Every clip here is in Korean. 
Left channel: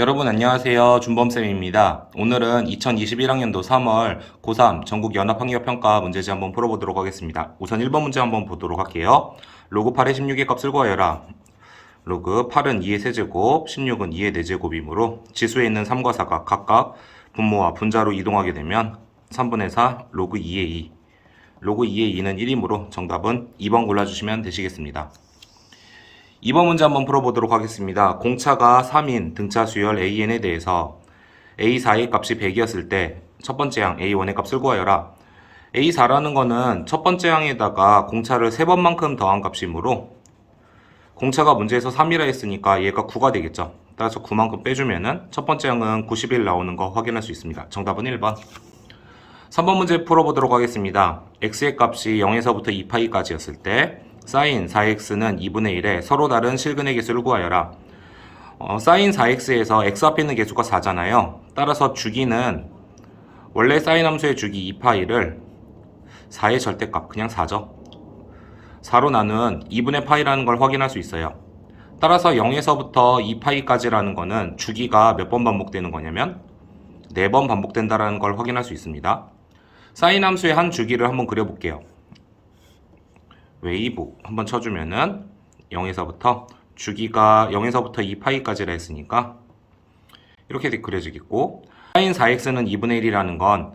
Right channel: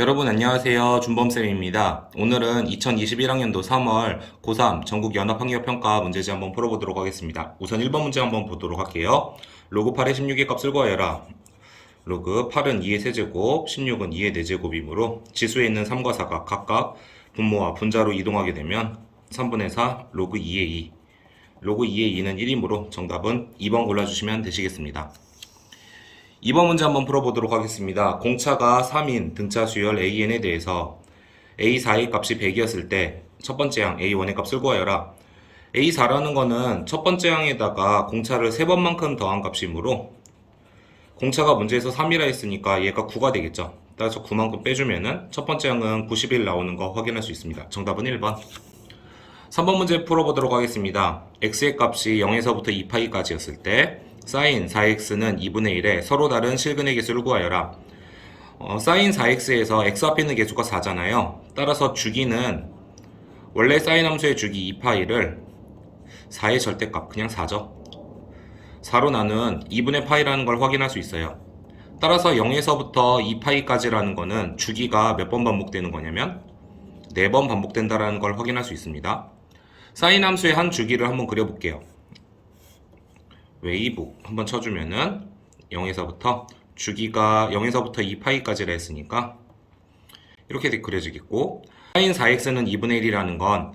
여러분 안녕하세요. 준범쌤입니다. 오늘은 2021학년도 3월 고3 전국 연합학력평가 문제지 한번 풀어보도록 하겠습니다. 우선 1번 문제 한번 보도록 할게요. 로그 8의 16의 값을 구하여라. 로그 8은 2의 세제곱, 16은 2의 4제곱이므로 지수에 있는 3과 4가 각각 분모와 분자로 이동하게 되면 3분의 4 로그 2의 2. 로그 2의 2는 1이므로 정답은 2번 골라주시면 되시겠습니다. 2번 문제 한번 풀어보도록 하겠습니다. 공차가 3인 등차 수열 AN에 대해서 A4의 값이 100이었을 때 첫 번째 항 A1의 값을 구하여라. A4라는 거는 첫 번째 항에다가 공차를 3번만큼 더한 값이므로 공차가 문제에서 3이라 했으니까 얘가 9가 되겠죠. 따라서 9만큼 빼주면은 첫 번째 항은 91 나오는 거 확인할 수 있습니다. 정답은 1번. 3번 문제 풀어보도록 하겠습니다. x의 값이 0에서부터 2파이까지였을 때 sin 4x는 2분의 1에 서로 다른 실근의 개수를 구하여라. sin 4x에서 x 앞에 있는 개수가 4잖아요. 따라서 주기는 원래 sin 함수의 주기 2파이를 4의 절대값 그냥 4죠. 4로 나눈 2분의 파이라는 걸 확인할 수 있어요. 따라서 0에서부터 2파이까지라는 거는 주기가 몇 번 반복되는 거냐면 4번 반복된다라는 걸 확인할 수 있습니다. sin 함수의 한 주기를 한번 그려볼게요. 웨이브 한번 쳐주면은 0에서부터 주기가 0에서부터 2파이까지라 했으니까 이렇게 그려지겠고, sin 4x는 2분의 1이라는 건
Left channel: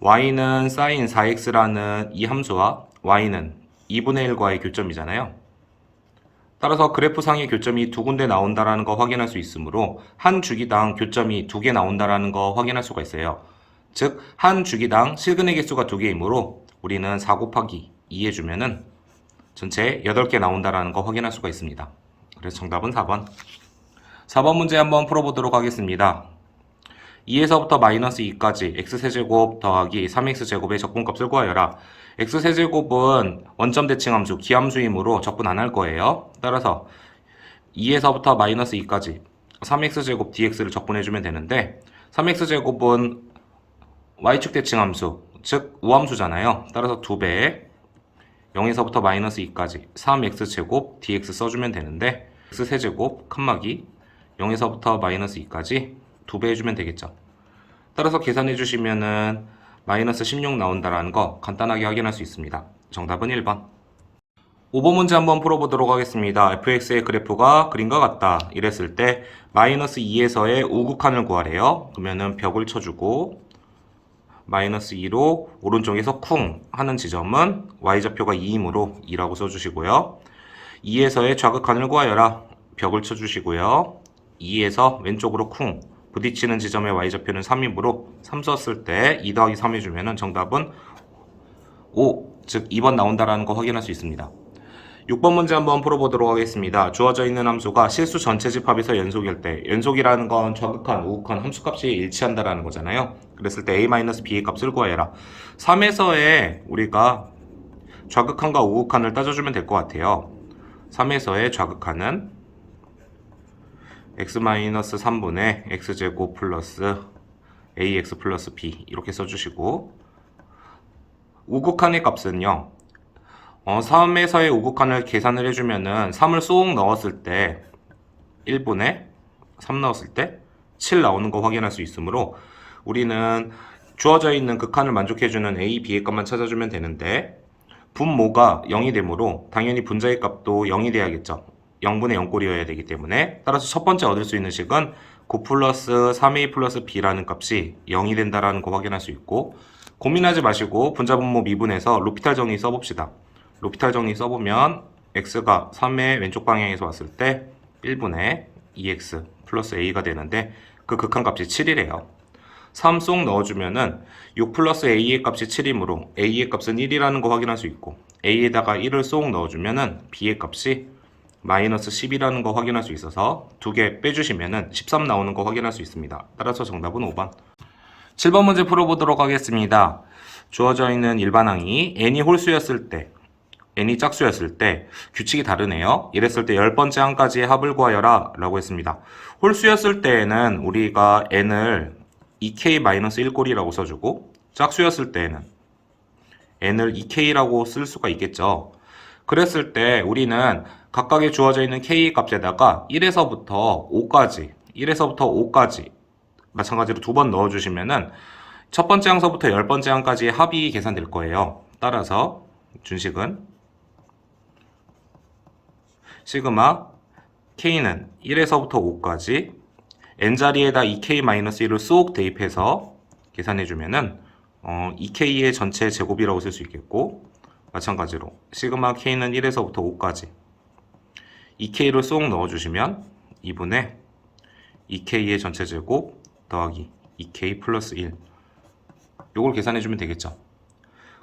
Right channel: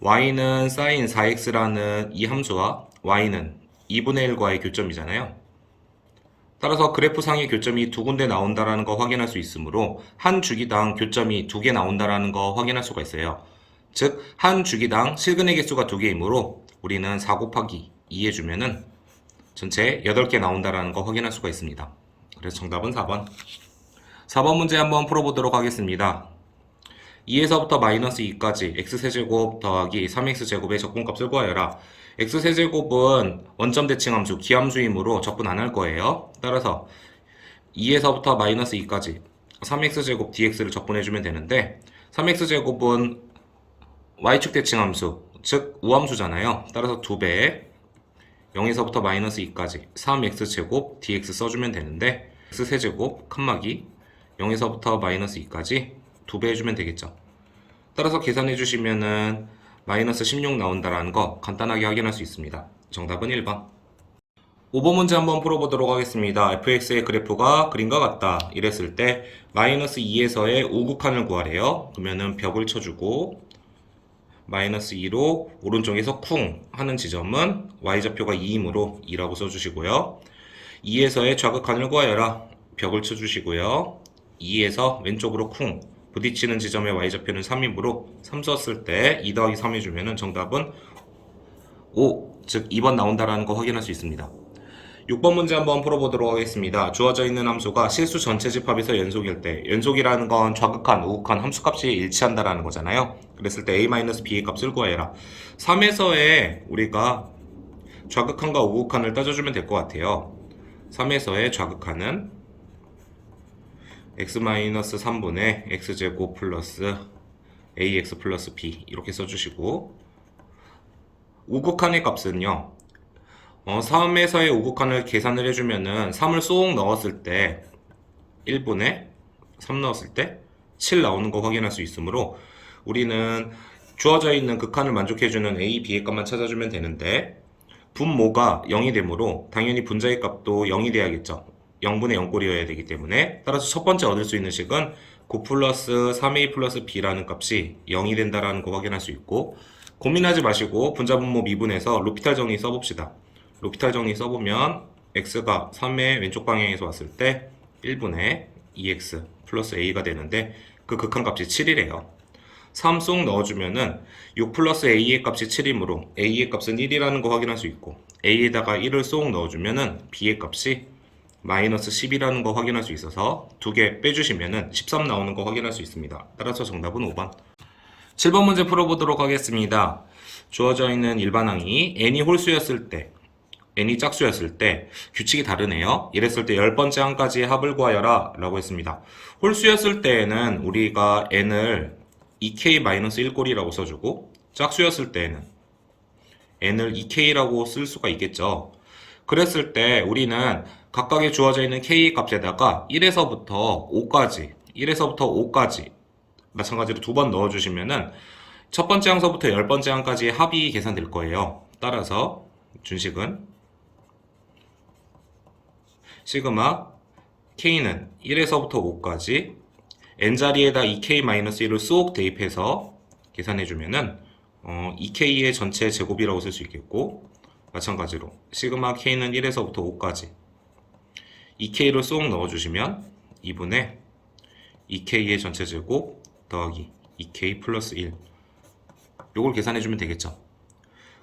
y는 sin 4x라는 이 함수와 y는 2분의 1과의 교점이잖아요. 따라서 그래프상의 교점이 두 군데 나온다라는 거 확인할 수 있으므로 한 주기당 교점이 2개 나온다라는 거 확인할 수가 있어요. 즉 한 주기당 실근의 개수가 2개이므로 우리는 4 곱하기 2 해주면은 전체 8개 나온다라는 거 확인할 수가 있습니다. 그래서 정답은 4번. 4번 문제 한번 풀어보도록 하겠습니다. 2에서부터 마이너스 2까지 x세제곱 더하기 3x제곱의 적분값을 구하여라. x세제곱은 원점 대칭함수, 기함수이므로 적분 안 할 거예요. 따라서 2에서부터 마이너스 2까지 3x제곱 dx를 적분해주면 되는데 3x제곱은 y축 대칭함수, 즉 우함수잖아요. 따라서 2배 0에서부터 마이너스 2까지 3x제곱 dx 써주면 되는데 x세제곱 칸막이 0에서부터 마이너스 2까지 2배 해주면 되겠죠. 따라서 계산해 주시면은 마이너스 16 나온다라는 거 간단하게 확인할 수 있습니다. 정답은 1번. 5번 문제 한번 풀어보도록 하겠습니다. fx의 그래프가 그림과 같다 이랬을 때 마이너스 2에서의 우극한을 구하래요. 그러면은 벽을 쳐주고 마이너스 2로 오른쪽에서 쿵 하는 지점은 y좌표가 2이므로 2라고 써주시고요. 2에서의 좌극한을 구하여라. 벽을 쳐주시고요. 2에서 왼쪽으로 쿵 부딪히는 지점의 y좌표는 3이므로 3 썼을 때 2 더하기 3 해주면 정답은 5, 즉 2번 나온다라는 거 확인할 수 있습니다. 6번 문제 한번 풀어보도록 하겠습니다. 주어져 있는 함수가 실수 전체 집합에서 연속일 때, 연속이라는 건 좌극한, 우극한 함수값이 일치한다라는 거잖아요. 그랬을 때 a-b의 값을 구하여라. 3에서의 우리가 좌극한과 우극한을 따져주면 될 것 같아요. 3에서의 좌극한은 x-3분의 x제곱 플러스 ax 플러스 b 이렇게 써주시고, 우극한의 값은요 3에서의 우극한을 계산을 해주면은 3을 쏙 넣었을 때 1분의 3 넣었을 때 7 나오는 거 확인할 수 있으므로 우리는 주어져 있는 극한을 만족해주는 a, b의 값만 찾아주면 되는데 분모가 0이 되므로 당연히 분자의 값도 0이 돼야겠죠. 0분의 0꼴이어야 되기 때문에 따라서 첫 번째 얻을 수 있는 식은 9 플러스 3a 플러스 b라는 값이 0이 된다라는 거 확인할 수 있고, 고민하지 마시고 분자 분모 미분해서 로피탈 정리 써봅시다. 로피탈 정리 써보면 x가 3의 왼쪽 방향에서 왔을 때 1분의 2x 플러스 a가 되는데 그 극한값이 7이래요. 3 쏙 넣어주면은 6 플러스 a의 값이 7이므로 a의 값은 1이라는 거 확인할 수 있고, a에다가 1을 쏙 넣어주면은 b의 값이 마이너스 10이라는 거 확인할 수 있어서 2개 빼주시면은 13 나오는 거 확인할 수 있습니다. 따라서 정답은 5번. 7번 문제 풀어보도록 하겠습니다. 주어져 있는 일반항이 n이 홀수였을 때, n이 짝수였을 때 규칙이 다르네요. 이랬을 때 10번째 항까지의 합을 구하여라 라고 했습니다. 홀수였을 때에는 우리가 n을 2k-1꼴이라고 써주고, 짝수였을 때에는 n을 2k라고 쓸 수가 있겠죠. 그랬을 때 우리는 각각의 주어져 있는 k 값에다가 1에서부터 5까지 1에서부터 5까지 마찬가지로 두 번 넣어주시면은 첫 번째 항서부터 10번째 항까지의 합이 계산될 거예요. 따라서 준식은 시그마 K는 1에서부터 5까지 n자리에다 2K-1을 쏙 대입해서 계산해주면은 2K의 전체 제곱이라고 쓸 수 있겠고, 마찬가지로 시그마 K는 1에서부터 5까지 2K를 쏙 넣어주시면 2분의 2K의 전체 제곱 더하기 2K 플러스 1, 요걸 계산해주면 되겠죠.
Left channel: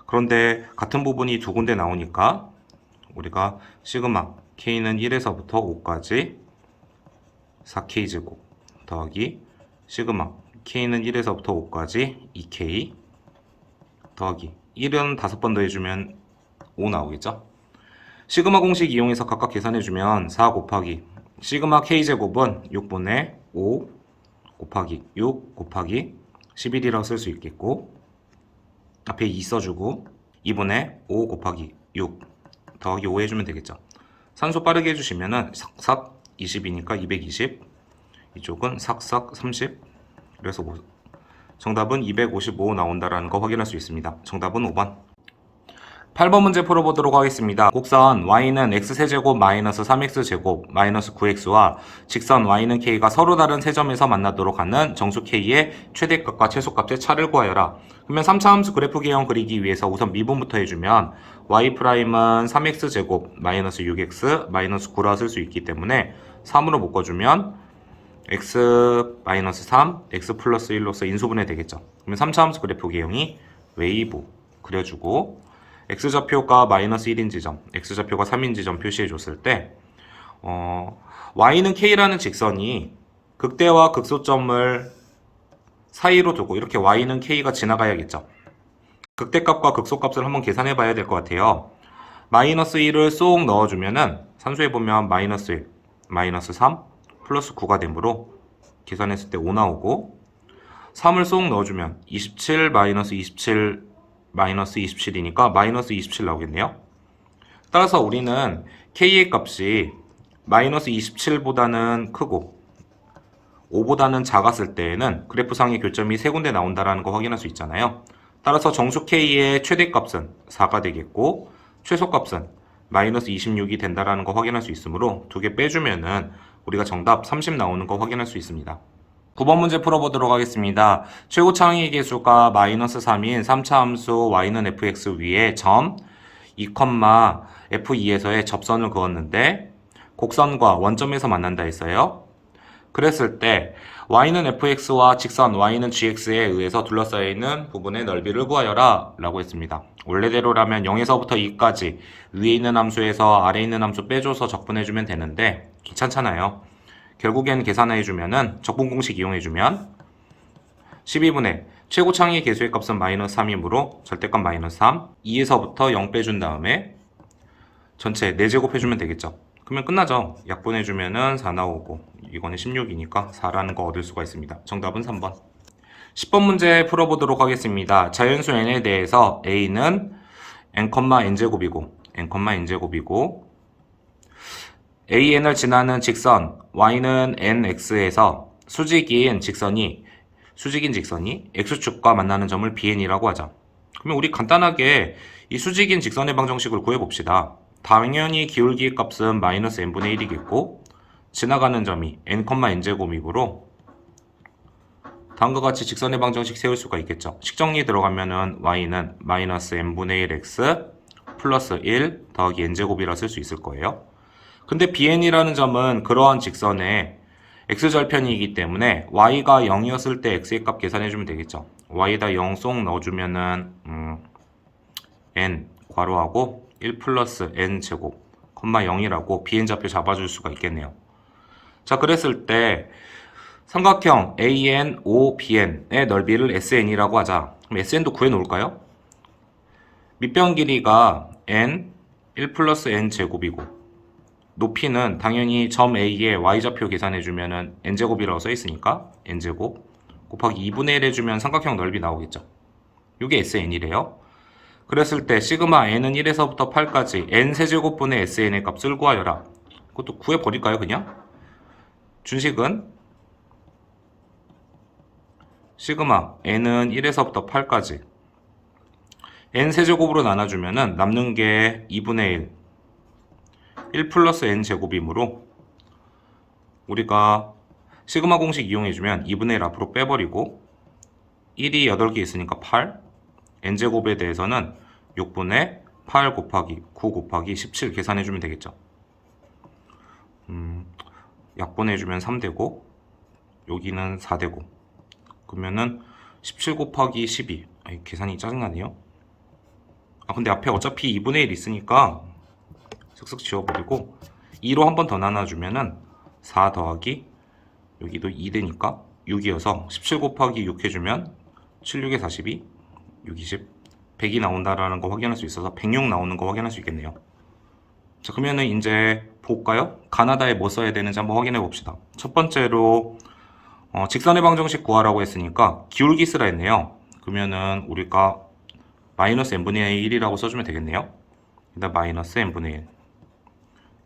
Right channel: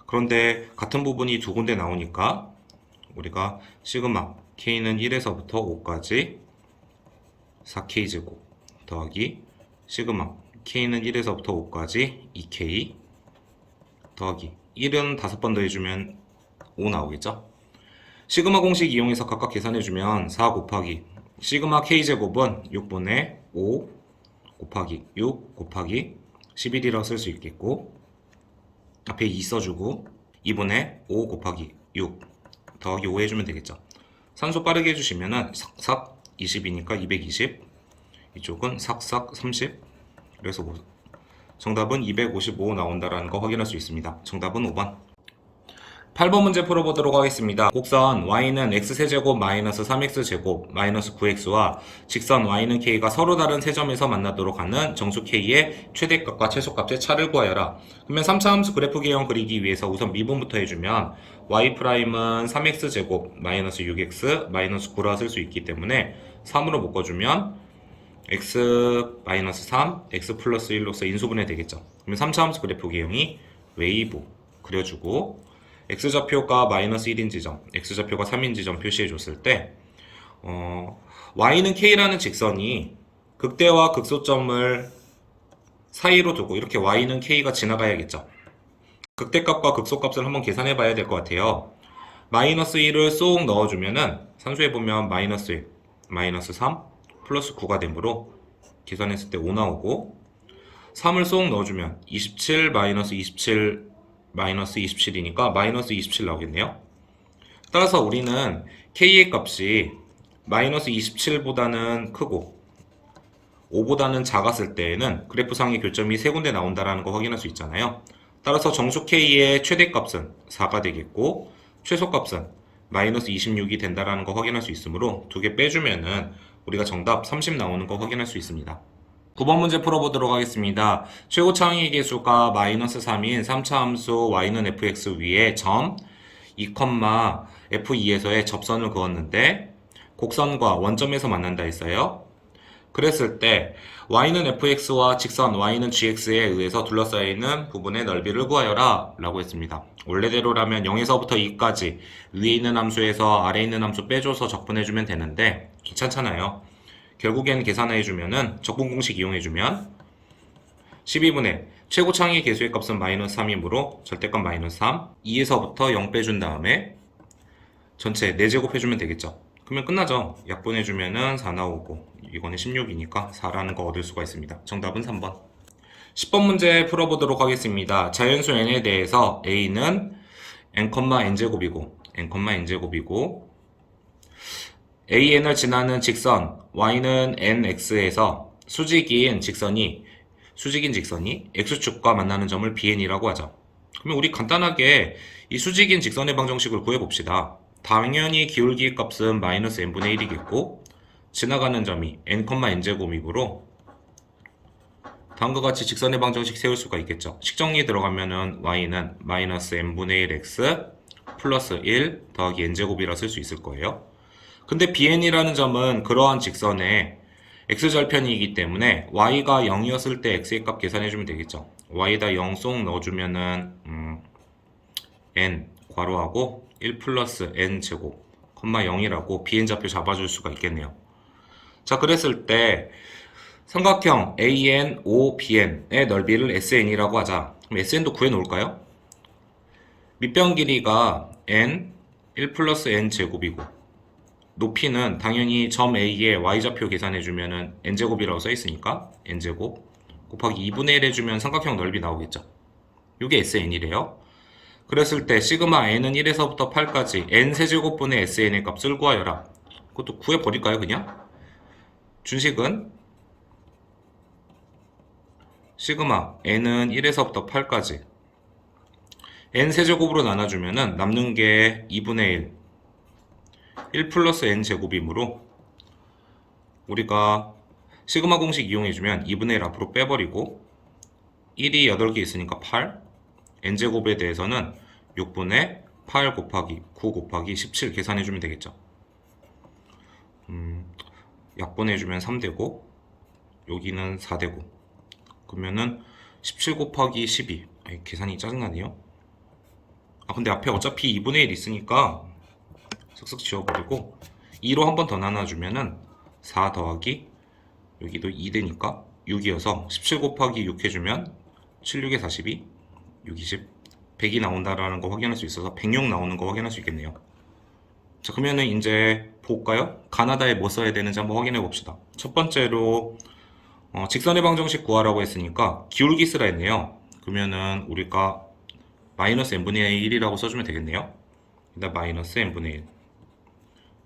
그런데 같은 부분이 두 군데 나오니까 우리가 시그마 K는 1에서부터 5까지 4K 제곱 더하기 시그마 K는 1에서부터 5까지 2K 더하기 1은 5번 더해주면 5 나오겠죠. 시그마 공식 이용해서 각각 계산해주면 4 곱하기 시그마 K제곱은 6분의 5 곱하기 6 곱하기 11이라고 쓸 수 있겠고, 앞에 2 써주고 2분의 5 곱하기 6 더하기 5 해주면 되겠죠. 산수 빠르게 해주시면은 삭삭 20이니까 220, 이쪽은 삭삭 30, 그래서 정답은 255 나온다라는 거 확인할 수 있습니다. 정답은 5번. 8번 문제 풀어보도록 하겠습니다. 곡선 y는 x세제곱 마이너스 3x제곱 마이너스 9x와 직선 y는 k가 서로 다른 세 점에서 만나도록 하는 정수 k의 최대값과 최소값의 차를 구하여라. 그러면 3차 함수 그래프 개형 그리기 위해서 우선 미분부터 해주면 y'은 3x제곱 마이너스 6x 마이너스 9라 쓸 수 있기 때문에 3으로 묶어주면 x 마이너스 3, x 플러스 1로서 인수분해 되겠죠. 그러면 3차 함수 그래프 개형이 웨이브 그려주고, x좌표가 마이너스 1인 지점, x좌표가 3인 지점 표시해 줬을 때 y는 k라는 직선이 극대와 극소점을 사이로 두고 이렇게 y는 k가 지나가야겠죠. 극대값과 극소값을 한번 계산해 봐야 될 것 같아요. 마이너스 1을 쏙 넣어주면은 산수해 보면 마이너스 1, 마이너스 3, 플러스 9가 되므로 계산했을 때 5 나오고, 3을 쏙 넣어주면 27 마이너스 27 마이너스 27이니까 마이너스 27 나오겠네요. 따라서 우리는 k의 값이 마이너스 27보다는 크고 5보다는 작았을 때에는 그래프상의 교점이 세 군데 나온다는 거 확인할 수 있잖아요. 따라서 정수 k의 최대값은 4가 되겠고 최소값은 마이너스 26이 된다는 거 확인할 수 있으므로 두 개 빼주면은 우리가 정답 30 나오는 거 확인할 수 있습니다. 9번 문제 풀어보도록 하겠습니다. 최고 창의 계수가 마이너스 3인 3차 함수 y는 fx 위에 점 2,f2에서의 접선을 그었는데 곡선과 원점에서 만난다 했어요. 그랬을 때 y는 fx와 직선 y는 gx에 의해서 둘러싸여 있는 부분의 넓이를 구하여라 라고 했습니다. 원래대로라면 0에서부터 2까지 위에 있는 함수에서 아래 있는 함수 빼줘서 적분해주면 되는데 귀찮잖아요. 결국엔 계산해주면은 적분 공식 이용해주면 12분의 최고 창의 계수의 값은 마이너스 3이므로 절대값 마이너스 3, 2에서부터 0 빼준 다음에 전체 4제곱 해주면 되겠죠. 그러면 끝나죠. 약분해주면은 4 나오고 이거는 16이니까 4라는 거 얻을 수가 있습니다. 정답은 3번. 10번 문제 풀어보도록 하겠습니다. 자연수 n에 대해서 a는 n,n제곱이고 an을 지나는 직선 y는 nx에서 수직인 직선이 x축과 만나는 점을 bn이라고 하죠. 그러면 우리 간단하게 이 수직인 직선의 방정식을 구해봅시다. 당연히 기울기의 값은 마이너스 n분의 1이겠고 지나가는 점이 n,n제곱이므로 다음과 같이 직선의 방정식 세울 수가 있겠죠. 식정리 들어가면은 y는 마이너스 n분의 1 x 플러스 1 더하기 n제곱이라 쓸 수 있을 거예요. 근데 bn이라는 점은 그러한 직선의 x절편이기 때문에 y가 0이었을 때 x의 값 계산해주면 되겠죠. y에다 0 쏙 넣어주면은 n 괄호하고 1 플러스 n제곱, 0이라고 bn좌표 잡아줄 수가 있겠네요. 자, 그랬을 때 삼각형 ANOBN의 넓이를 SN이라고 하자. 그럼 SN도 구해놓을까요? 밑변 길이가 N 1 플러스 N제곱이고 높이는 당연히 점 A에 Y좌표 계산해주면 N제곱이라고 써있으니까 N제곱 곱하기 2분의 1 해주면 삼각형 넓이 나오겠죠. 이게 SN이래요. 그랬을 때 시그마 N은 1에서부터 8까지 N세제곱분의 SN의 값을 구하여라. 그것도 구해버릴까요 그냥? 준식은 시그마 n은 1에서부터 8까지 n 세제곱으로 나눠주면은 남는 게 2분의 1 플러스 n 제곱이므로 우리가 시그마 공식 이용해주면 2분의 1 앞으로 빼버리고 1이 8개 있으니까 8 n제곱에 대해서는 6분의 8 곱하기 9 곱하기 17 계산해주면 되겠죠. 약분해주면 3되고 여기는 4되고 그러면은 17 곱하기 12 계산이 짜증나네요. 근데 앞에 어차피 2분의 1 있으니까 쓱쓱 지워버리고 2로 한 번 더 나눠주면은 4 더하기 여기도 2 되니까 6이어서 17 곱하기 6 해주면 7, 6에 42 6, 20 100이 나온다라는 거 확인할 수 있어서 106 나오는 거 확인할 수 있겠네요. 자, 그러면은 이제 볼까요? 가나다에 뭐 써야 되는지 한번 확인해 봅시다. 첫 번째로 직선의 방정식 구하라고 했으니까 기울기 쓰라 했네요. 그러면은 우리가 마이너스 n분의 1이라고 써주면 되겠네요. 일단 마이너스 n분의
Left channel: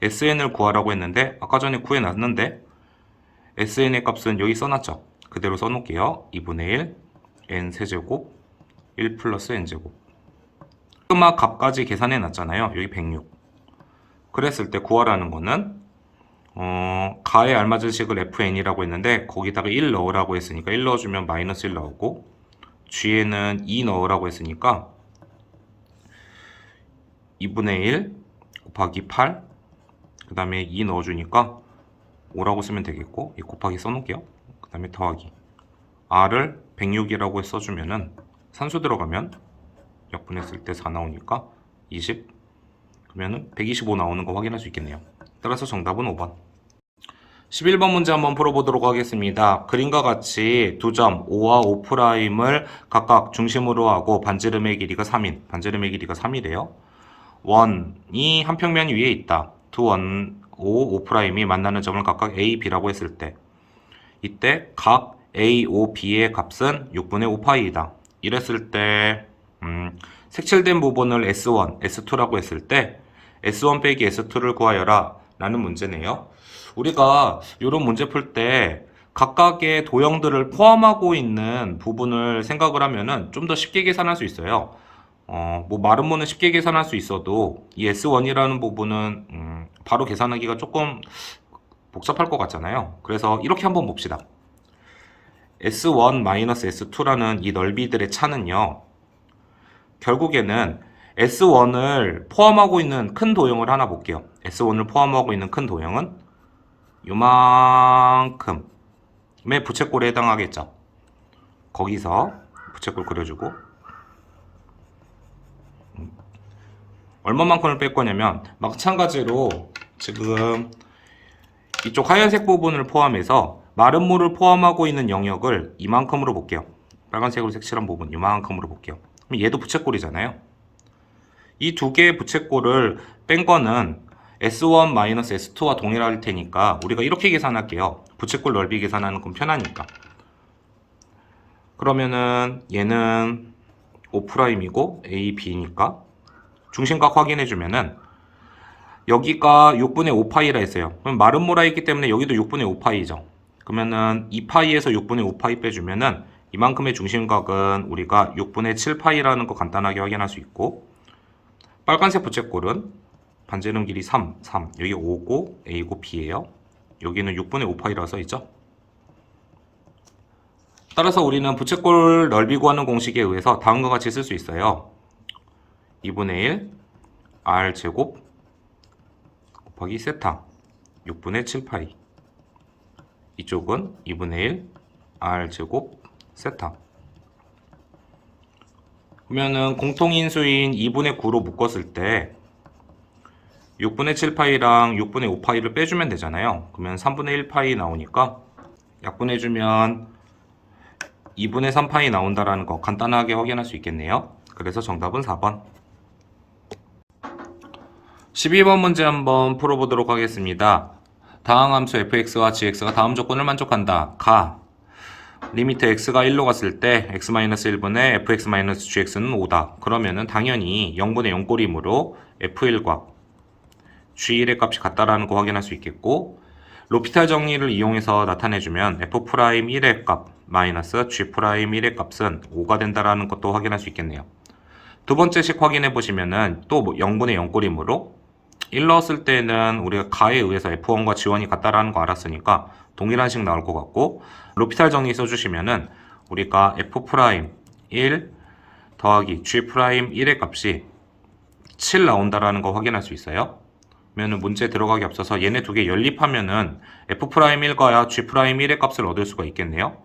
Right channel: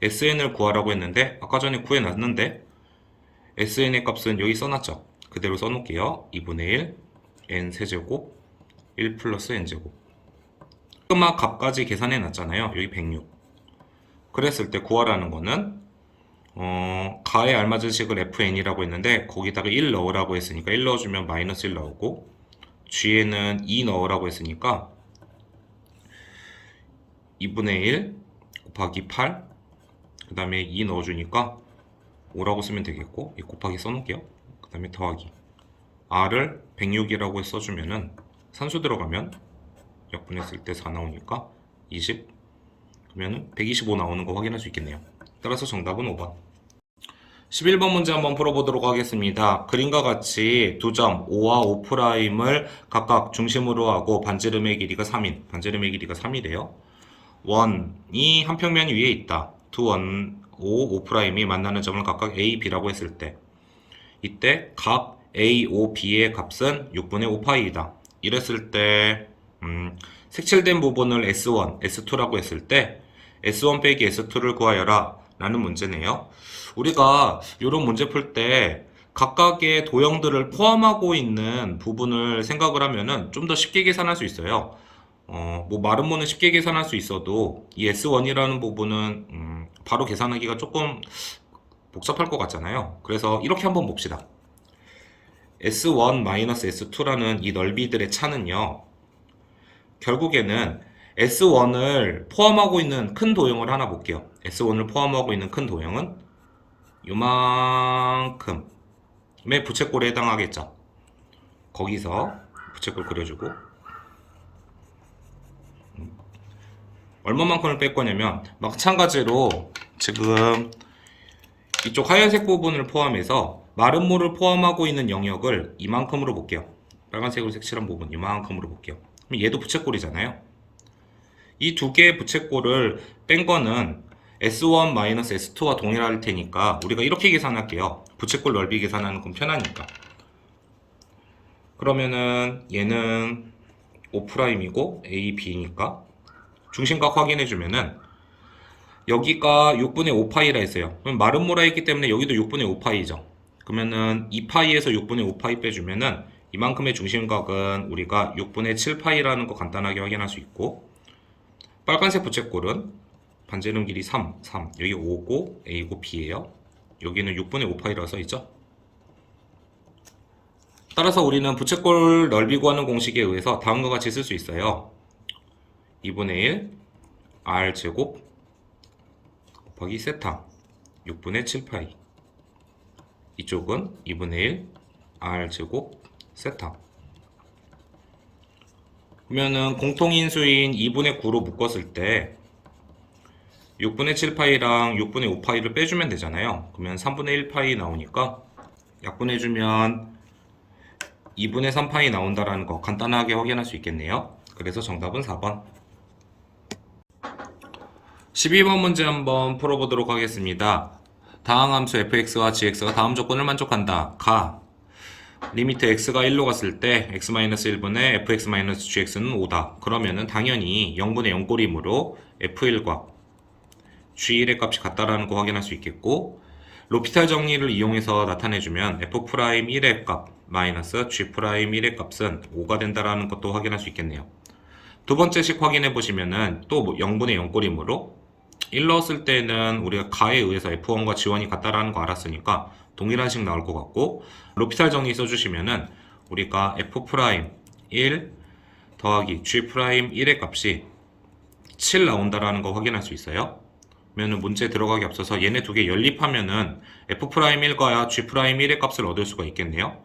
1 sn을 구하라고 했는데 아까 전에 구해놨는데 sn의 값은 여기 써놨죠. 그대로 써놓을게요. 2분의 1 n 세제곱 1 플러스 n제곱 시그마 값까지 계산해 놨잖아요. 여기 106 그랬을 때 구하라는 거는 가에 알맞은 식을 fn이라고 했는데 거기다가 1 넣으라고 했으니까 1 넣어주면 마이너스 1 나오고 g에는 2 넣으라고 했으니까 2분의 1 곱하기 8 그 다음에 2 넣어주니까 5라고 쓰면 되겠고 이 곱하기 써놓을게요. 그 다음에 더하기 r을 106이라고 써주면은 산수 들어가면 약분했을 때 4 나오니까 20 그러면은 125 나오는 거 확인할 수 있겠네요. 따라서 정답은 5번. 11번 문제 한번 풀어보도록 하겠습니다. 그림과 같이 두 점 5와 5'을 각각 중심으로 하고 반지름의 길이가 3인 반지름의 길이가 3이래요. 원이 한 평면 위에 있다. 두 원 5, 5'이 만나는 점을 각각 A, B라고 했을 때 이때 각 A, O, B의 값은 6분의 5파이이다. 이랬을 때 색칠된 부분을 S1, S2라고 했을 때 S1 빼기 S2를 구하여라 라는 문제네요. 우리가 이런 문제 풀 때 각각의 도형들을 포함하고 있는 부분을 생각을 하면은 좀 더 쉽게 계산할 수 있어요. 뭐 마름모는 쉽게 계산할 수 있어도 이 S1이라는 부분은 바로 계산하기가 조금 복잡할 것 같잖아요. 그래서 이렇게 한번 봅시다. S1-S2라는 이 넓이들의 차는요. 결국에는 S1을 포함하고 있는 큰 도형을 하나 볼게요. S1을 포함하고 있는 큰 도형은 요만큼의 부채꼴에 해당하겠죠. 거기서 부채꼴 그려주고 얼마만큼을 뺄 거냐면 마찬가지로 지금 이쪽 하얀색 부분을 포함해서 마름모를 포함하고 있는 영역을 이만큼으로 볼게요. 빨간색으로 색칠한 부분 이만큼으로 볼게요. 그럼 얘도 부채꼴이잖아요. 이 두 개의 부채꼴을 뺀 거는 S1-S2와 동일할 테니까 우리가 이렇게 계산할게요. 부채꼴 넓이 계산하는 건 편하니까. 그러면은 얘는 O'이고 A, B니까 중심각 확인해주면은 여기가 6분의 5파이라 했어요. 그럼 마름모라 했기 때문에 여기도 6분의 5파이죠. 그러면은 2파이에서 6분의 5파이 빼주면은 이만큼의 중심각은 우리가 6분의 7파이라는 거 간단하게 확인할 수 있고 빨간색 부채꼴은 반지름 길이 3, 여기 5고 A고 B예요. 여기는 6분의 5파이라 써있죠. 따라서 우리는 부채꼴 넓이 구하는 공식에 의해서 다음과 같이 쓸 수 있어요. 2분의 1 R제곱 곱하기 세타 6분의 7파이 이쪽은 2분의 1 R제곱 세타 그러면은 공통인수인 2분의 9로 묶었을 때 6분의 7파이랑 6분의 5파이를 빼주면 되잖아요. 그러면 3분의 1파이 나오니까 약분해주면 2분의 3파이 나온다라는 거 간단하게 확인할 수 있겠네요. 그래서 정답은 4번. 12번 문제 한번 풀어보도록 하겠습니다. 다항함수 fx와 gx가 다음 조건을 만족한다. 가 리미트 x가 1로 갔을 때 x-1분의 fx-gx는 5다. 그러면은 당연히 0분의 0꼴이므로 f1과 g1의 값이 같다라는 거 확인할 수 있겠고 로피탈 정리를 이용해서 나타내주면 f'1의 값 마이너스 G'1의 값은 5가 된다라는 것도 확인할 수 있겠네요. 두 번째 식 확인해 보시면은 또 0분의 0꼴이므로 1 넣었을 때는 우리가 가에 의해서 F1과 G1이 같다라는 거 알았으니까 동일한 식 나올 것 같고, 로피탈 정리 써주시면은 우리가 F'1 더하기 G'1의 값이 7 나온다라는 거 확인할 수 있어요. 그러면 문제 들어가기 앞서서 얘네 두 개 연립하면은 F'1과 G'1의 값을 얻을 수가 있겠네요.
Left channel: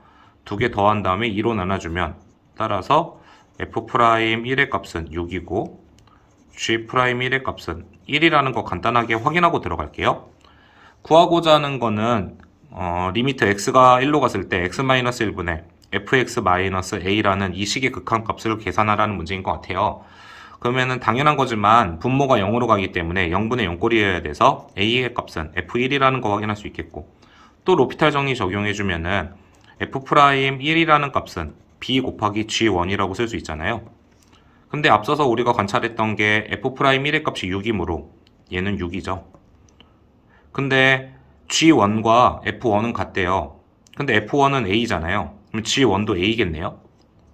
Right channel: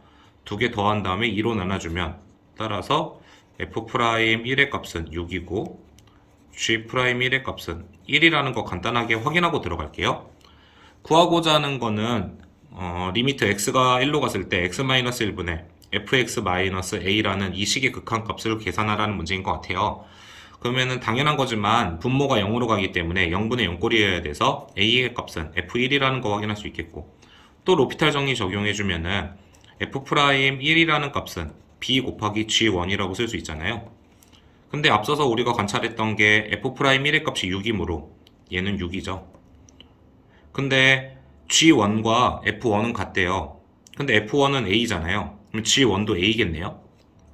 두 개 더한 다음에 2로 나눠주면, 따라서 F'1의 값은 6이고 G'1의 값은 1이라는 거 간단하게 확인하고 들어갈게요. 구하고자 하는 거는 리미트 x가 1로 갔을 때 x-1분의 fx-a라는 이 식의 극한값을 계산하라는 문제인 것 같아요. 그러면은 당연한 거지만 분모가 0으로 가기 때문에 0분의 0꼴이어야 돼서 a의 값은 f1이라는 거 확인할 수 있겠고, 또 로피탈 정리 적용해주면은 f'1이라는 값은 b 곱하기 g1이라고 쓸 수 있잖아요. 근데 앞서서 우리가 관찰했던 게 f'1의 값이 6이므로 얘는 6이죠. 근데 G1과 F1은 같대요. 근데 F1은 A잖아요. 그럼 G1도 A겠네요.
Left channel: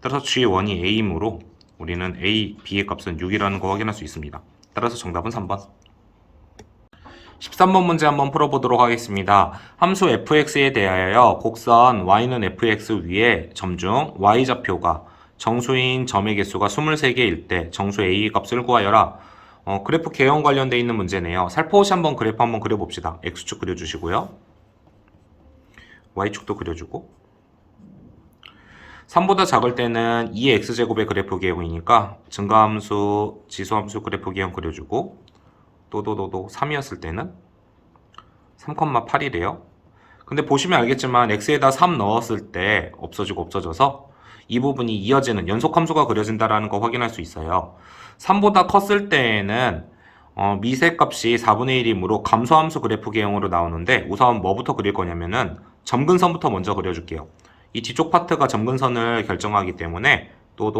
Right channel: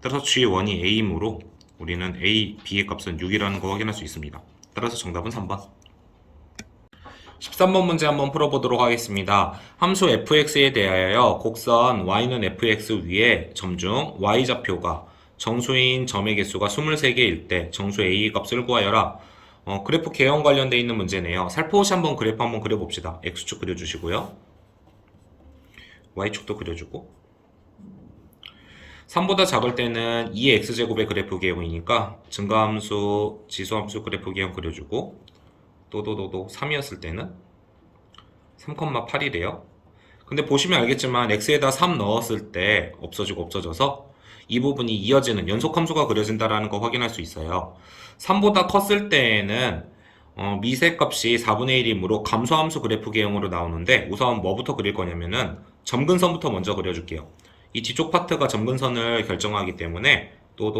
따라서 G1이 A이므로 우리는 A, B의 값은 6이라는 거 확인할 수 있습니다. 따라서 정답은 3번. 13번 문제 한번 풀어보도록 하겠습니다. 함수 fx에 대하여 곡선 y는 fx 위에 점중 y좌표가 정수인 점의 개수가 23개일 때 정수 a의 값을 구하여라. 그래프 개형 관련되어 있는 문제네요. 살포시 한번 그래프 한번 그려봅시다. x축 그려주시고요. y축도 그려주고. 3보다 작을 때는 2의 x제곱의 그래프 개형이니까 증가함수, 지수함수 그래프 개형 그려주고, 또 3이었을 때는 3,8이래요. 근데 보시면 알겠지만 x에다 3 넣었을 때 없어지고 없어져서 이 부분이 이어지는 연속함수가 그려진다는 거 확인할 수 있어요. 3보다 컸을 때에는 미세값이 4분의 1이므로 감소함수 그래프 개형으로 나오는데, 우선 뭐부터 그릴 거냐면은 점근선부터 먼저 그려줄게요. 이 뒤쪽 파트가 점근선을 결정하기 때문에 도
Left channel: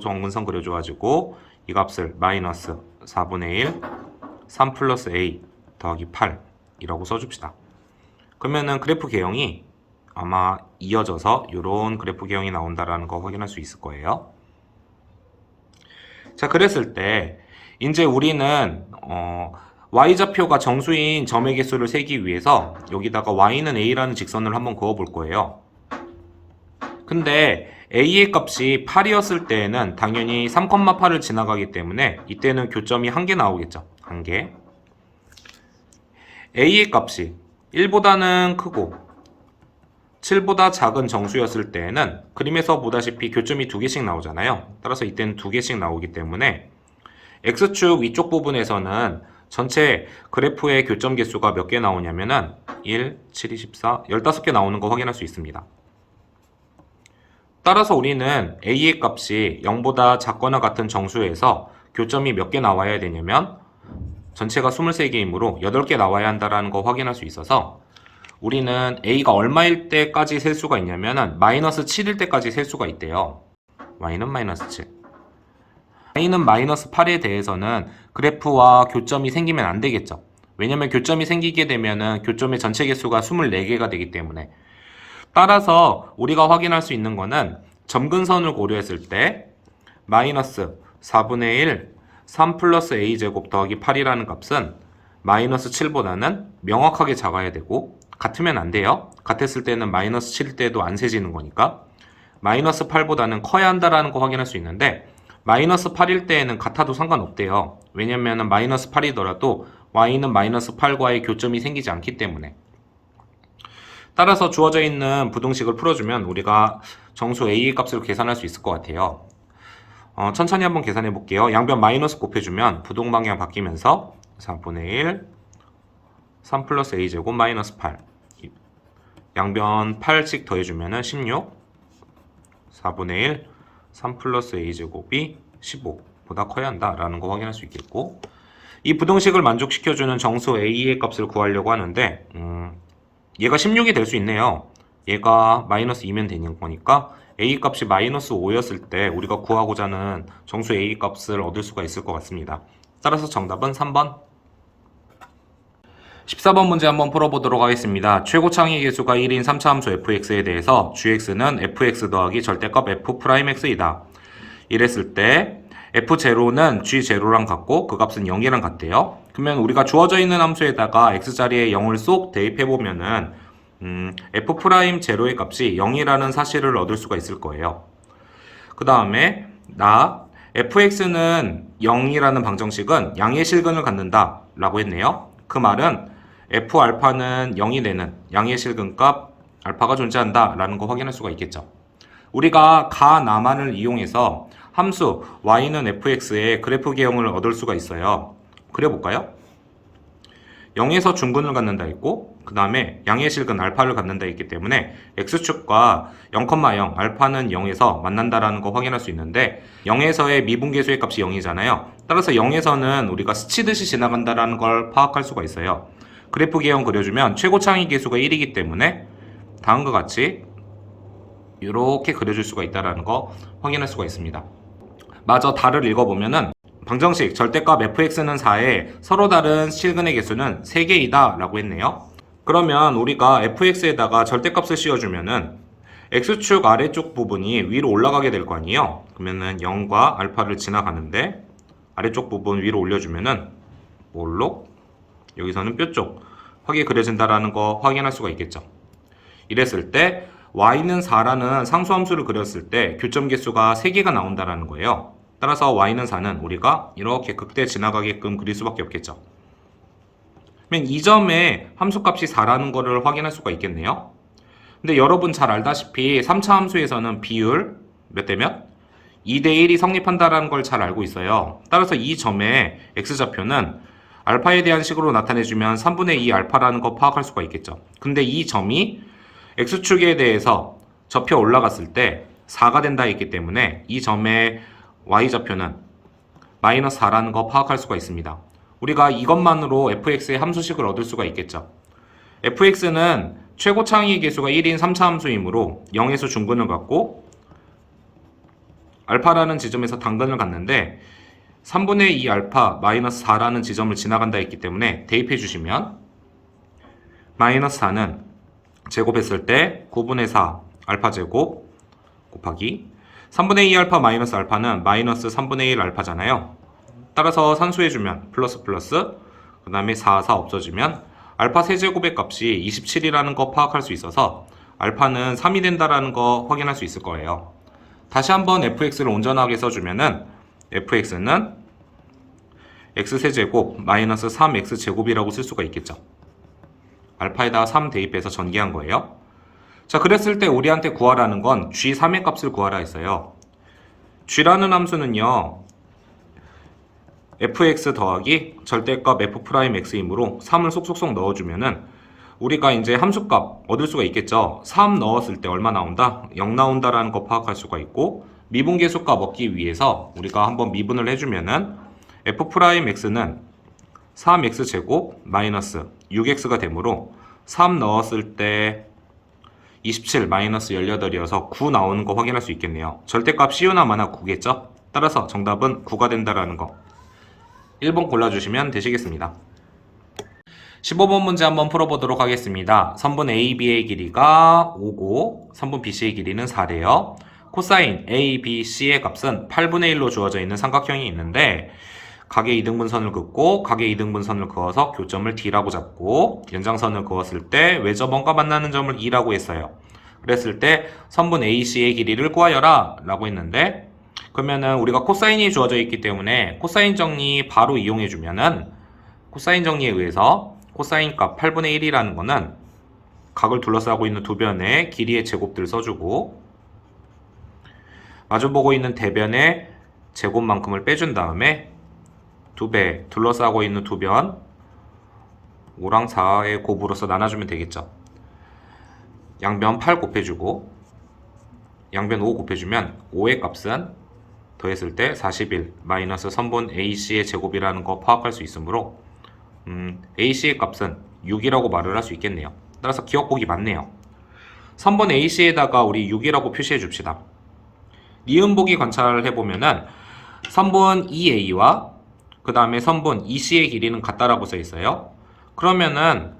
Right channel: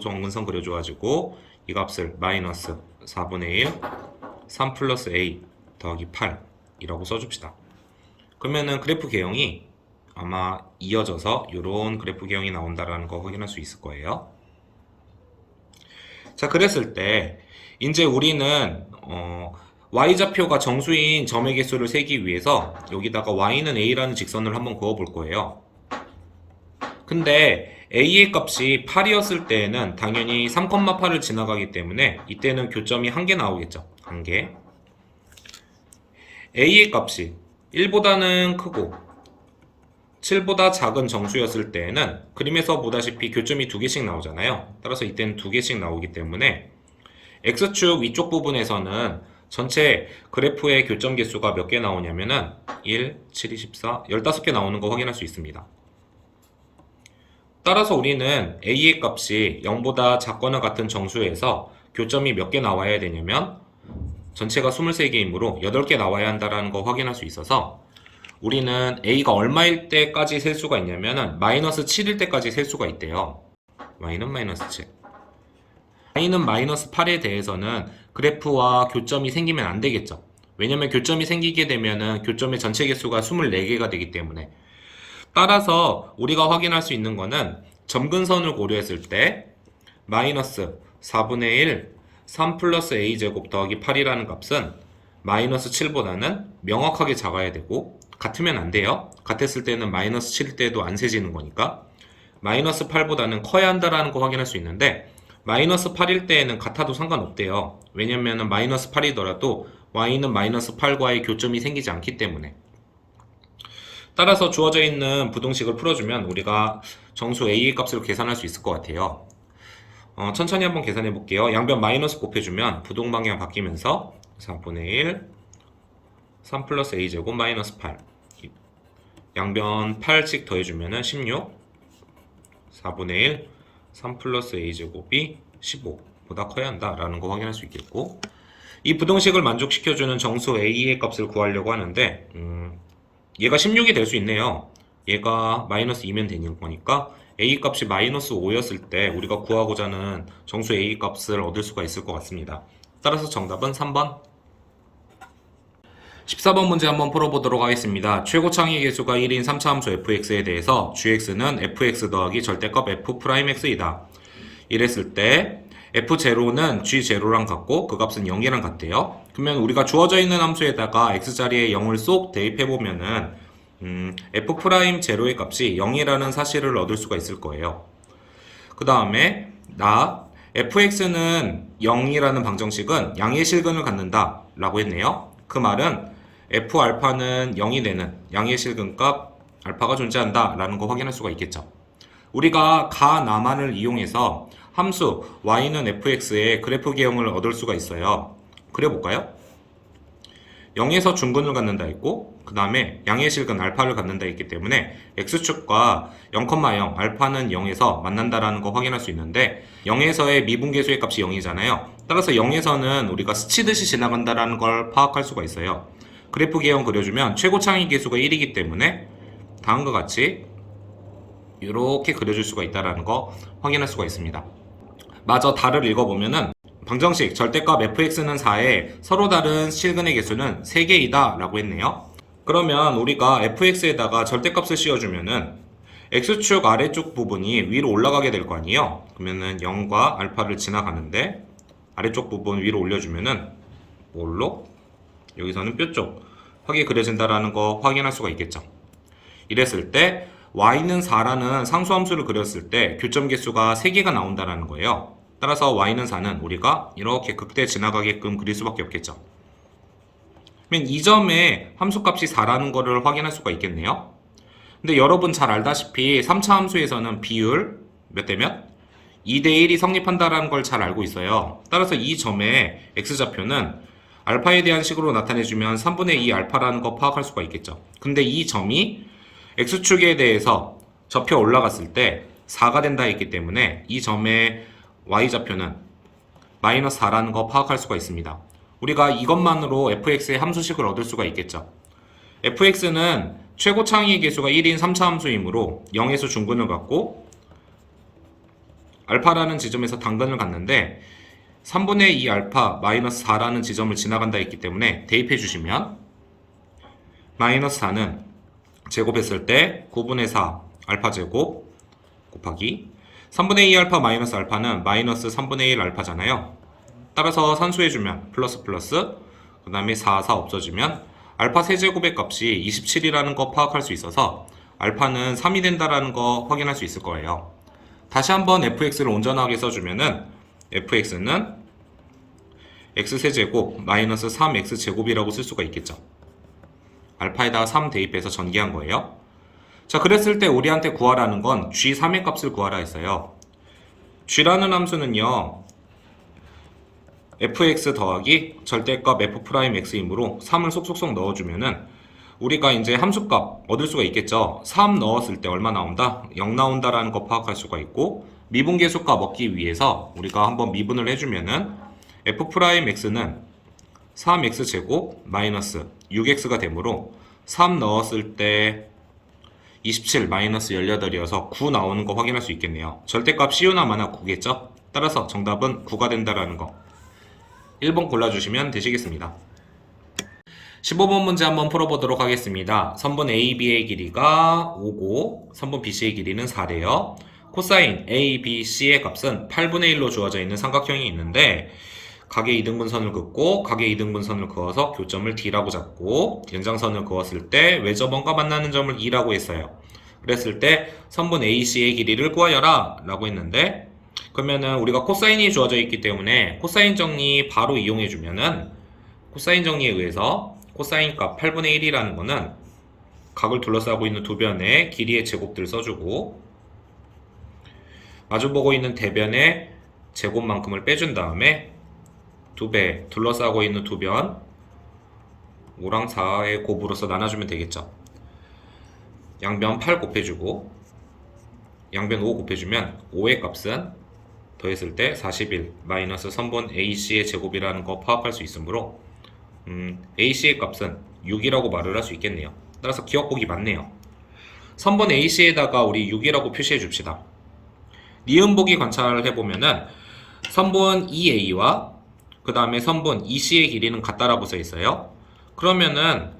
점근선 그려줘가지고 이 값을 마이너스 4분의 1 3 플러스 a 더하기 8이라고 써줍시다. 그러면은 그래프 개형이 아마 이어져서 이런 그래프 개형이 나온다라는 거 확인할 수 있을 거예요. 자, 그랬을 때 이제 우리는 y좌표가 정수인 점의 개수를 세기 위해서 여기다가 y는 a라는 직선을 한번 그어 볼 거예요. 근데 a의 값이 8이었을 때에는 당연히 3,8을 지나가기 때문에 이때는 교점이 1개 나오겠죠. 1개. a의 값이 1보다는 크고 7보다 작은 정수였을 때에는 그림에서 보다시피 교점이 2개씩 나오잖아요. 따라서 이때는 2개씩 나오기 때문에 x축 위쪽 부분에서는 전체 그래프의 교점 개수가 몇 개 나오냐면은 1, 7, 24, 15개 나오는 거 확인할 수 있습니다. 따라서 우리는 a의 값이 0보다 작거나 같은 정수에서 교점이 몇 개 나와야 되냐면 전체가 23개이므로 8개 나와야 한다는 거 확인할 수 있어서 우리는 a가 얼마일 때까지 셀 수가 있냐면은 마이너스 7일 때까지 셀 수가 있대요. y는 마이너스 7. y는 마이너스 8에 대해서는 그래프와 교점이 생기면 안 되겠죠. 왜냐면 교점이 생기게 되면은 교점의 전체 개수가 24개가 되기 때문에. 따라서 우리가 확인할 수 있는 거는 점근선을 고려했을 때 마이너스 4분의 1 3 플러스 a제곱 더하기 8이라는 값은 마이너스 7보다는 명확하게 작아야 되고, 같으면 안 돼요. 같았을 때는 마이너스 7일 때도 안 세지는 거니까 마이너스 8보다는 커야 한다는 거 확인할 수 있는데, 마이너스 8일 때에는 같아도 상관없대요. 왜냐면 마이너스 8이더라도 y는 마이너스 8과의 교점이 생기지 않기 때문에. 따라서 주어져 있는 부등식을 풀어주면 우리가 정수 a의 값을 계산할 수 있을 것 같아요. 천천히 한번 계산해 볼게요. 양변 마이너스 곱해주면 부동 방향 바뀌면서 4분의 1 3 플러스 a제곱 마이너스 8, 양변 8씩 더해주면 16, 4분의 1 3 플러스 a제곱이 15보다 커야 한다라는 거 확인할 수 있겠고, 이 부등식을 만족시켜주는 정수 a의 값을 구하려고 하는데 얘가 16이 될 수 있네요. 얘가 마이너스 2면 되는 거니까 a 값이 마이너스 5였을 때 우리가 구하고자 하는 정수 a 값을 얻을 수가 있을 것 같습니다. 따라서 정답은 3번. 14번 문제 한번 풀어보도록 하겠습니다. 최고 창의 계수가 1인 3차 함수 fx에 대해서 gx는 fx 더하기 절대값 f'x이다. 이랬을 때 f0는 g0랑 같고 그 값은 0이랑 같대요. 그러면 우리가 주어져 있는 함수에다가 x자리에 0을 쏙 대입해보면은 f'0의 값이 0이라는 사실을 얻을 수가 있을 거예요. 그 다음에 fx는 0이라는 방정식은 양의 실근을 갖는다 라고 했네요. 그 말은 f알파는 0이 되는 양의 실근값 알파가 존재한다 라는 거 확인할 수가 있겠죠. 우리가 가나만을 이용해서 함수 y는 fx의 그래프 개형을 얻을 수가 있어요. 그려볼까요? 0에서 중근을 갖는다 했고 그 다음에 양의 실근 알파를 갖는다 했기 때문에 x축과 0,0 알파는 0에서 만난다라는 거 확인할 수 있는데 0에서의 미분계수의 값이 0이잖아요. 따라서 0에서는 우리가 스치듯이 지나간다라는 걸 파악할 수가 있어요. 그래프 개형 그려주면 최고 창의 계수가 1이기 때문에 다음과 같이 이렇게 그려줄 수가 있다는 거 확인할 수가 있습니다. 마저 달을 읽어보면은 방정식 절대값 fx는 4에 서로 다른 실근의 개수는 3개이다 라고 했네요. 그러면 우리가 fx에다가 절대값을 씌워주면은 x축 아래쪽 부분이 위로 올라가게 될 거 아니에요. 그러면은 0과 알파를 지나가는데 아래쪽 부분 위로 올려주면은 뭘로? 여기서는 뼈쪽 확이 그려진다라는 거 확인할 수가 있겠죠. 이랬을 때 y는 4라는 상수함수를 그렸을 때 교점 개수가 3개가 나온다라는 거예요. 따라서 y는 4는 우리가 이렇게 극대 지나가게끔 그릴 수밖에 없겠죠. 그러면 이 점에 함수값이 4라는 거를 확인할 수가 있겠네요. 근데 여러분 잘 알다시피 3차 함수에서는 비율 몇 대 몇? 2대 1이 성립한다라는 걸 잘 알고 있어요. 따라서 이 점의 x좌표는 알파에 대한 식으로 나타내주면 3분의 2 알파라는 거 파악할 수가 있겠죠. 근데 이 점이 x축에 대해서 접혀 올라갔을 때 4가 된다 했기 때문에 이 점의 y좌표는 마이너스 4라는 거 파악할 수가 있습니다. 우리가 이것만으로 fx의 함수식을 얻을 수가 있겠죠. fx는 최고 창의 계수가 1인 3차 함수이므로 0에서 중근을 갖고 알파라는 지점에서 당근을 갖는데 3분의 2 알파 마이너스 4라는 지점을 지나간다 했기 때문에 대입해 주시면 마이너스 4는 제곱했을 때 9분의 4 알파 제곱 곱하기 3분의 2 알파 마이너스 알파는 마이너스 3분의 1 알파잖아요. 따라서 산수해주면 플러스 그 다음에 4 없어지면 알파 세제곱의 값이 27이라는 거 파악할 수 있어서 알파는 3이 된다라는 거 확인할 수 있을 거예요. 다시 한번 fx를 온전하게 써주면은 fx는 x세제곱 마이너스 3x제곱이라고 쓸 수가 있겠죠. 알파에다가 3 대입해서 전개한 거예요. 자, 그랬을 때 우리한테 구하라는 건 g3의 값을 구하라 했어요. g라는 함수는요 fx 더하기 절대값 f'x이므로 3을 쏙쏙쏙 넣어주면은 우리가 이제 함수값 얻을 수가 있겠죠. 3 넣었을 때 얼마 나온다? 0 나온다라는 거 파악할 수가 있고 미분계수값 얻기 위해서 우리가 한번 미분을 해주면은 f'x는 3x제곱 마이너스 6x가 되므로 3 넣었을 때 27 마이너스 18이어서 9 나오는 거 확인할 수 있겠네요. 절대값 시우나 마나 9겠죠? 따라서 정답은 9가 된다라는 거 1번 골라주시면 되시겠습니다. 15번 문제 한번 풀어보도록 하겠습니다. 선분 AB의 길이가 5고 선분 BC의 길이는 4래요. 코사인 ABC의 값은 8분의 1로 주어져 있는 삼각형이 있는데 각의 이등분선을 긋고 각의 이등분선을 그어서 교점을 D라고 잡고 연장선을 그었을 때 외접원과 만나는 점을 E라고 했어요. 그랬을 때 선분 AC의 길이를 구하여라 라고 했는데 그러면은 우리가 코사인이 주어져 있기 때문에 코사인 정리 바로 이용해 주면은 코사인 정리에 의해서 코사인 값 8분의 1이라는 거는 각을 둘러싸고 있는 두 변의 길이의 제곱들을 써주고 마주보고 있는 대변의 제곱만큼을 빼준 다음에 2배 둘러싸고 있는 두 변 5랑 4의 곱으로서 나눠주면 되겠죠. 양변 8 곱해주고 양변 5 곱해주면 5의 값은 더했을 때 41 마이너스 선분 AC의 제곱이라는 거 파악할 수 있으므로 AC의 값은 6이라고 말을 할 수 있겠네요. 따라서 기억보기 맞네요. 선분 AC에다가 우리 6이라고 표시해 줍시다. 니은보기 관찰을 해보면은 선분 EA와 그 다음에 선분 EC의 길이는 같다라고 써 있어요. 그러면은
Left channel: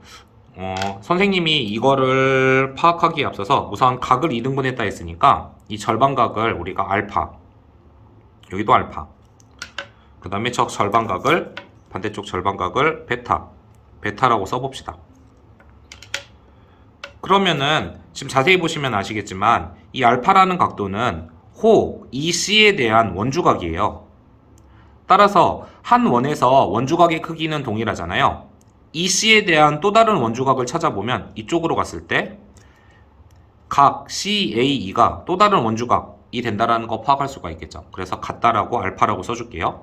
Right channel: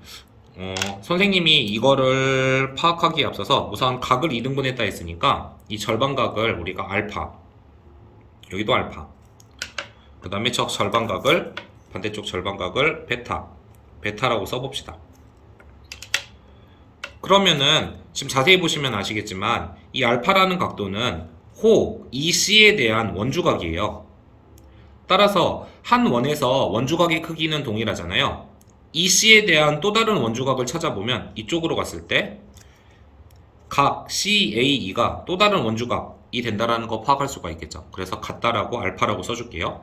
선생님이 이거를 파악하기에 앞서서 우선 각을 2등분했다 했으니까 이 절반각을 우리가 알파, 여기도 알파, 그 다음에 저 절반각을, 반대쪽 절반각을 베타라고 써봅시다. 그러면은 지금 자세히 보시면 아시겠지만 이 알파라는 각도는 호 EC에 대한 원주각이에요. 따라서 한 원에서 원주각의 크기는 동일하잖아요. EC에 대한 또 다른 원주각을 찾아보면 이쪽으로 갔을 때 각 CAE가 또 다른 원주각이 된다는 거 파악할 수가 있겠죠. 그래서 같다라고 알파라고 써줄게요.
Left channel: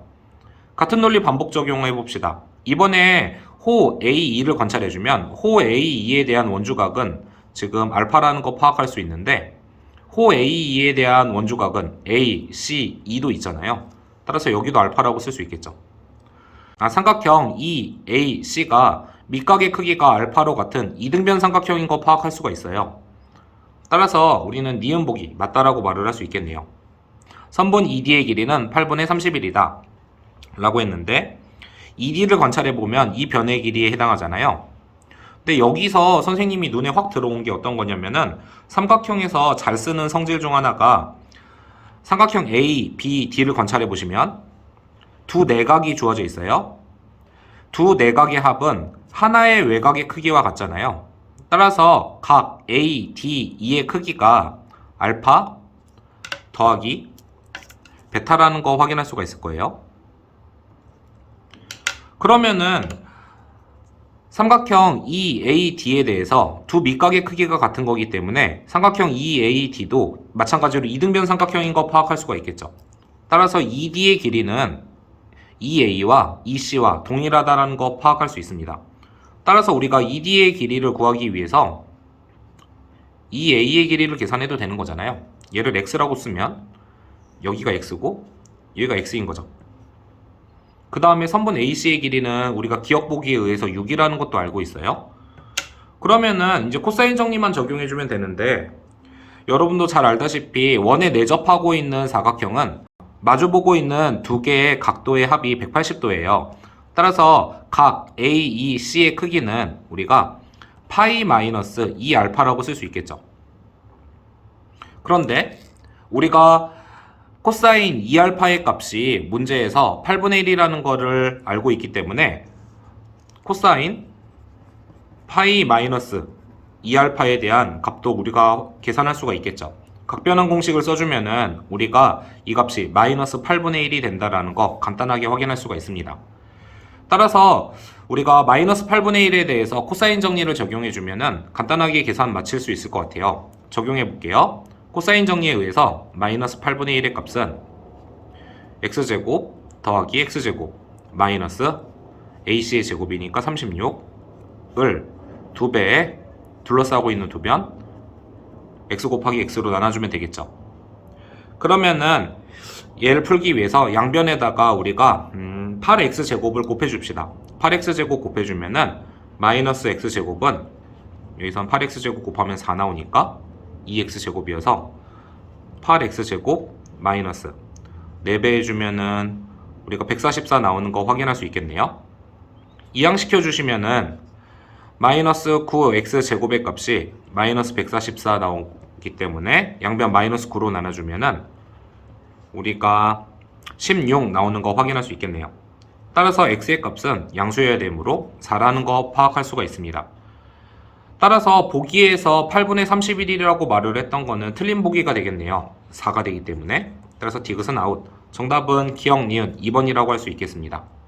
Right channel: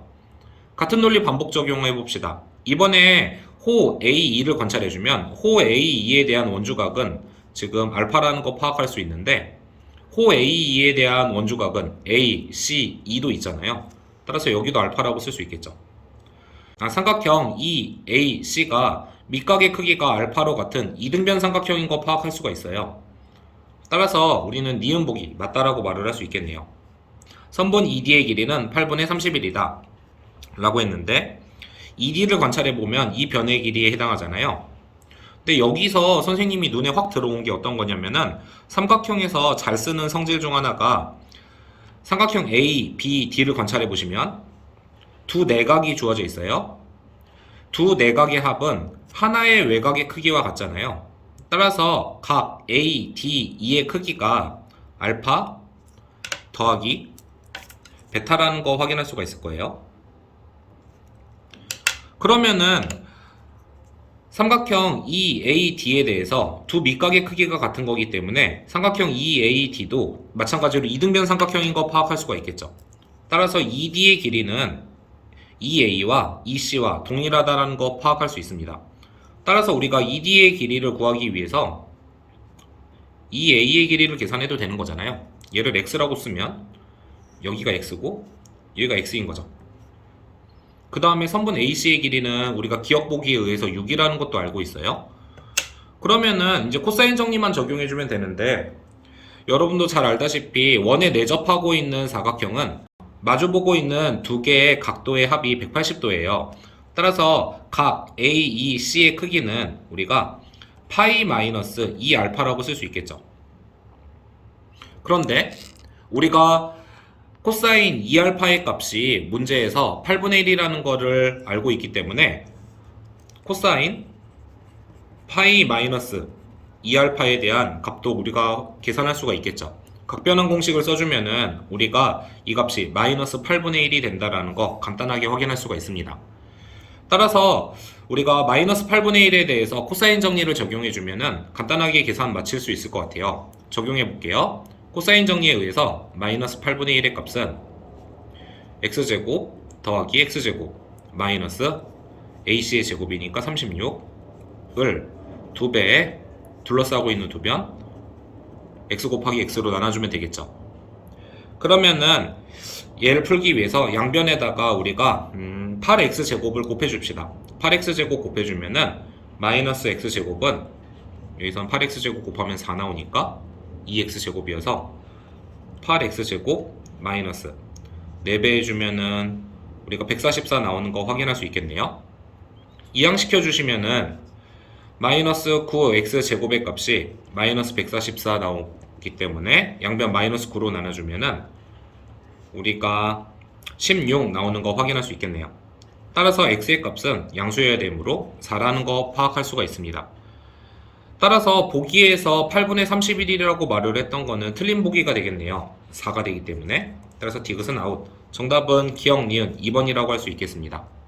같은 논리 반복 적용해 봅시다. 이번에 호 AE를 관찰해주면 호 AE에 대한 원주각은 지금 알파라는 거 파악할 수 있는데 호 AE에 대한 원주각은 A, C, E도 있잖아요. 따라서 여기도 알파라고 쓸 수 있겠죠. 삼각형 EAC가 밑각의 크기가 알파로 같은 이등변 삼각형인 거 파악할 수가 있어요. 따라서 우리는 니은 보기 맞다라고 말을 할 수 있겠네요. 선분 ED의 길이는 8분의 31이다 라고 했는데 ED를 관찰해보면 이 변의 길이에 해당하잖아요. 근데 여기서 선생님이 눈에 확 들어온 게 어떤 거냐면은 삼각형에서 잘 쓰는 성질 중 하나가 삼각형 A, B, D를 관찰해보시면 두 내각이 주어져 있어요. 두 내각의 합은 하나의 외곽의 크기와 같잖아요. 따라서 각 A, D, E의 크기가 알파 더하기 베타라는 거 확인할 수가 있을 거예요. 그러면은 삼각형 EAD에 대해서 두 밑각의 크기가 같은 거기 때문에 삼각형 EAD도 마찬가지로 이등변 삼각형인 거 파악할 수가 있겠죠. 따라서 ED의 길이는 EA와 EC와 동일하다는 거 파악할 수 있습니다. 따라서 우리가 ED의 길이를 구하기 위해서 EA의 길이를 계산해도 되는 거잖아요. 얘를 X라고 쓰면 여기가 X고 여기가 X인 거죠. 그 다음에 선분 AC의 길이는 우리가 기억보기에 의해서 6이라는 것도 알고 있어요. 그러면은 이제 코사인 정리만 적용해주면 되는데 여러분도 잘 알다시피 원에 내접하고 있는 사각형은 마주보고 있는 두 개의 각도의 합이 180도예요. 따라서 각 AEC의 크기는 우리가 파이 마이너스 2알파라고 쓸 수 있겠죠. 그런데 우리가 코사인 2알파의 값이 문제에서 8분의 1이라는 거를 알고 있기 때문에 코사인 파이 마이너스 2알파에 대한 값도 우리가 계산할 수가 있겠죠. 각변환 공식을 써주면은 우리가 이 값이 마이너스 8분의 1이 된다라는 거 간단하게 확인할 수가 있습니다. 따라서 우리가 마이너스 8분의 1에 대해서 코사인 정리를 적용해주면은 간단하게 계산 마칠 수 있을 것 같아요. 적용해 볼게요. 코사인 정리에 의해서 마이너스 8분의 1의 값은 x제곱 더하기 x제곱 마이너스 ac의 제곱이니까 36을 2배에 둘러싸고 있는 두변 x 곱하기 x로 나눠주면 되겠죠. 그러면은 얘를 풀기 위해서 양변에다가 우리가 8x제곱을 곱해줍시다. 8x제곱 곱해주면은 마이너스 x제곱은 여기선 8x제곱 곱하면 4 나오니까 2x제곱이어서 8x제곱 마이너스 4배 해주면은 우리가 144 나오는 거 확인할 수 있겠네요. 이항시켜 주시면은 마이너스 9x제곱의 값이 마이너스 144 나오기 때문에 양변 마이너스 9로 나눠주면은 우리가 16 나오는 거 확인할 수 있겠네요. 따라서 x의 값은 양수여야 되므로 4라는 거 파악할 수가 있습니다. 따라서 보기에서 8분의 31이라고 말을 했던 거는 틀린 보기가 되겠네요. 4가 되기 때문에. 따라서 디귿은 아웃. 정답은 기억 니은 2번이라고 할 수 있겠습니다.